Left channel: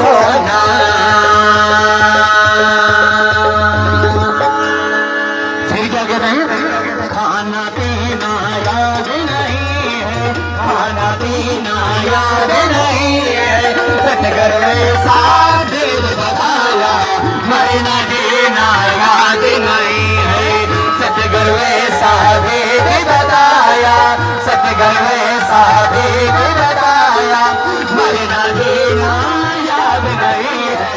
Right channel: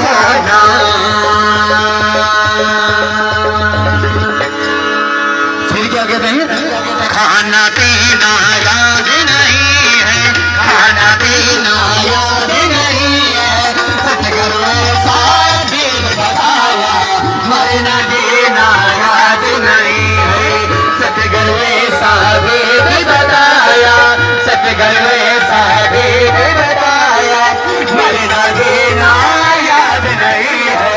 सेना। फिर क्या कहते हैं? खाना पीना याद नहीं है, खाना पीना याद नहीं है, सतगुरु में साबित बताया, मरना जीना याद नहीं है, सतगुरु में साबित बताया, सतगुरु में साबित बताया, मरना जीना याद नहीं है,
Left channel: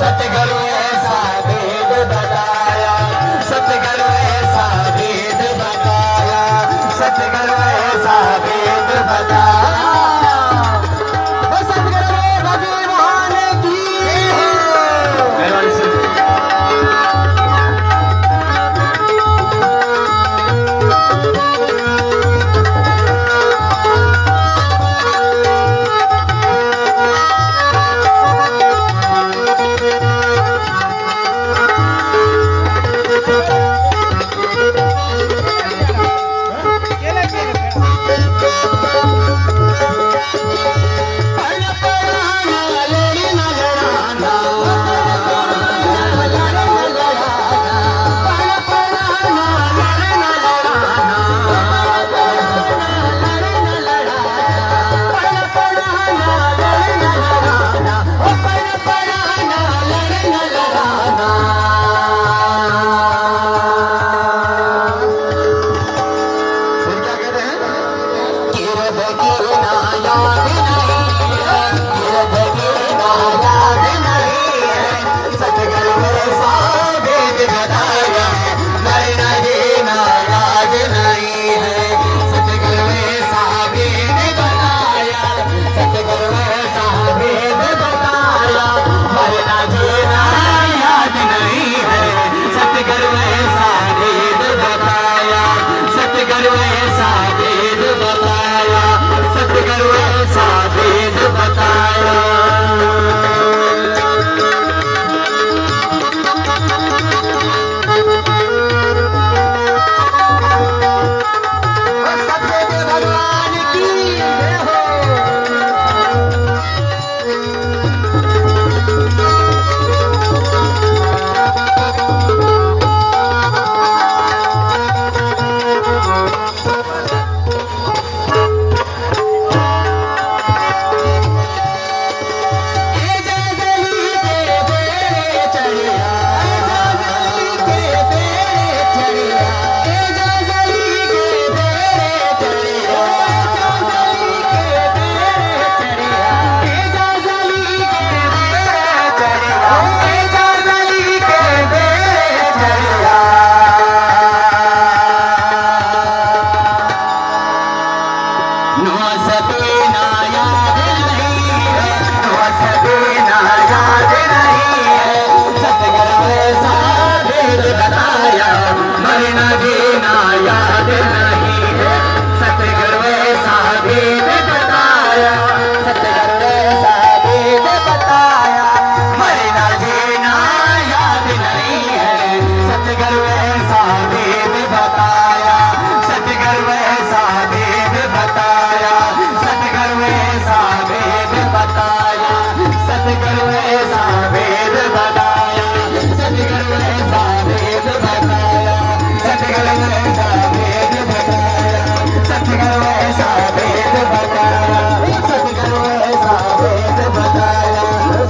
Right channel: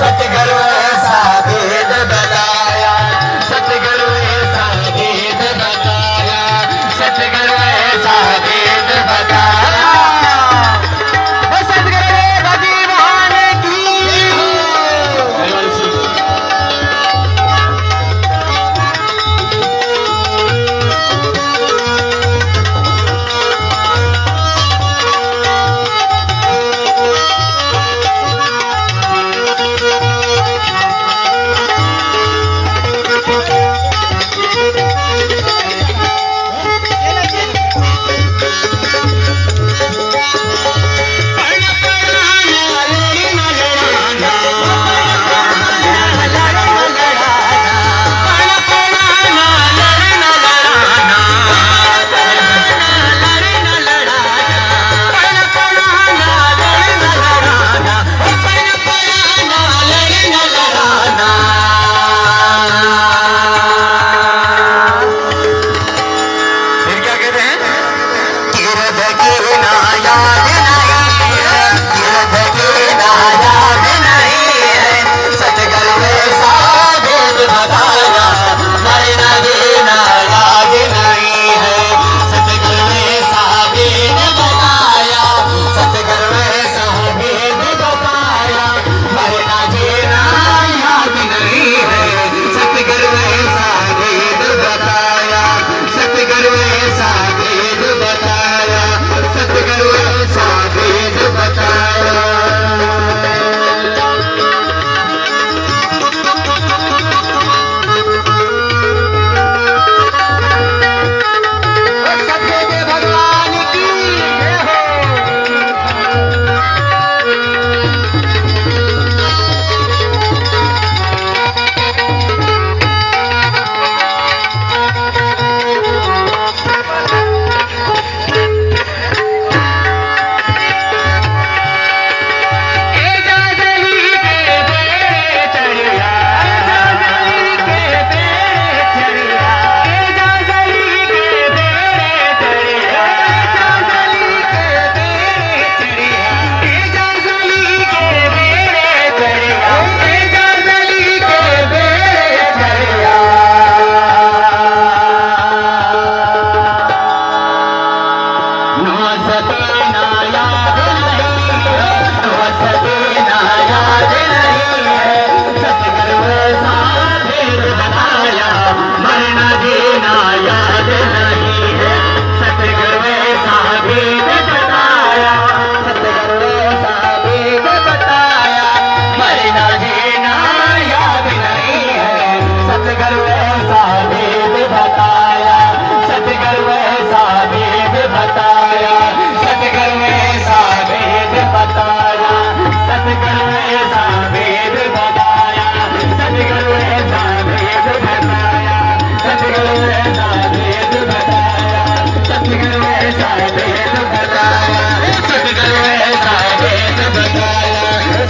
सतगुरु में साबित बताया, सतगुरु में साबित बताया, सतगुरु में साबित बताया। सतगुरु भगवान की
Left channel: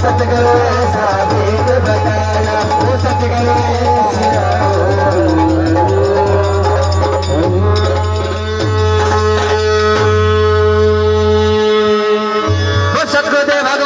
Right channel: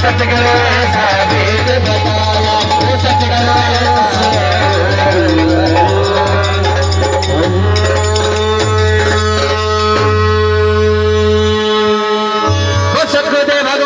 सतगुरु ऐसा वेद बताया, सतगुरु ऐसा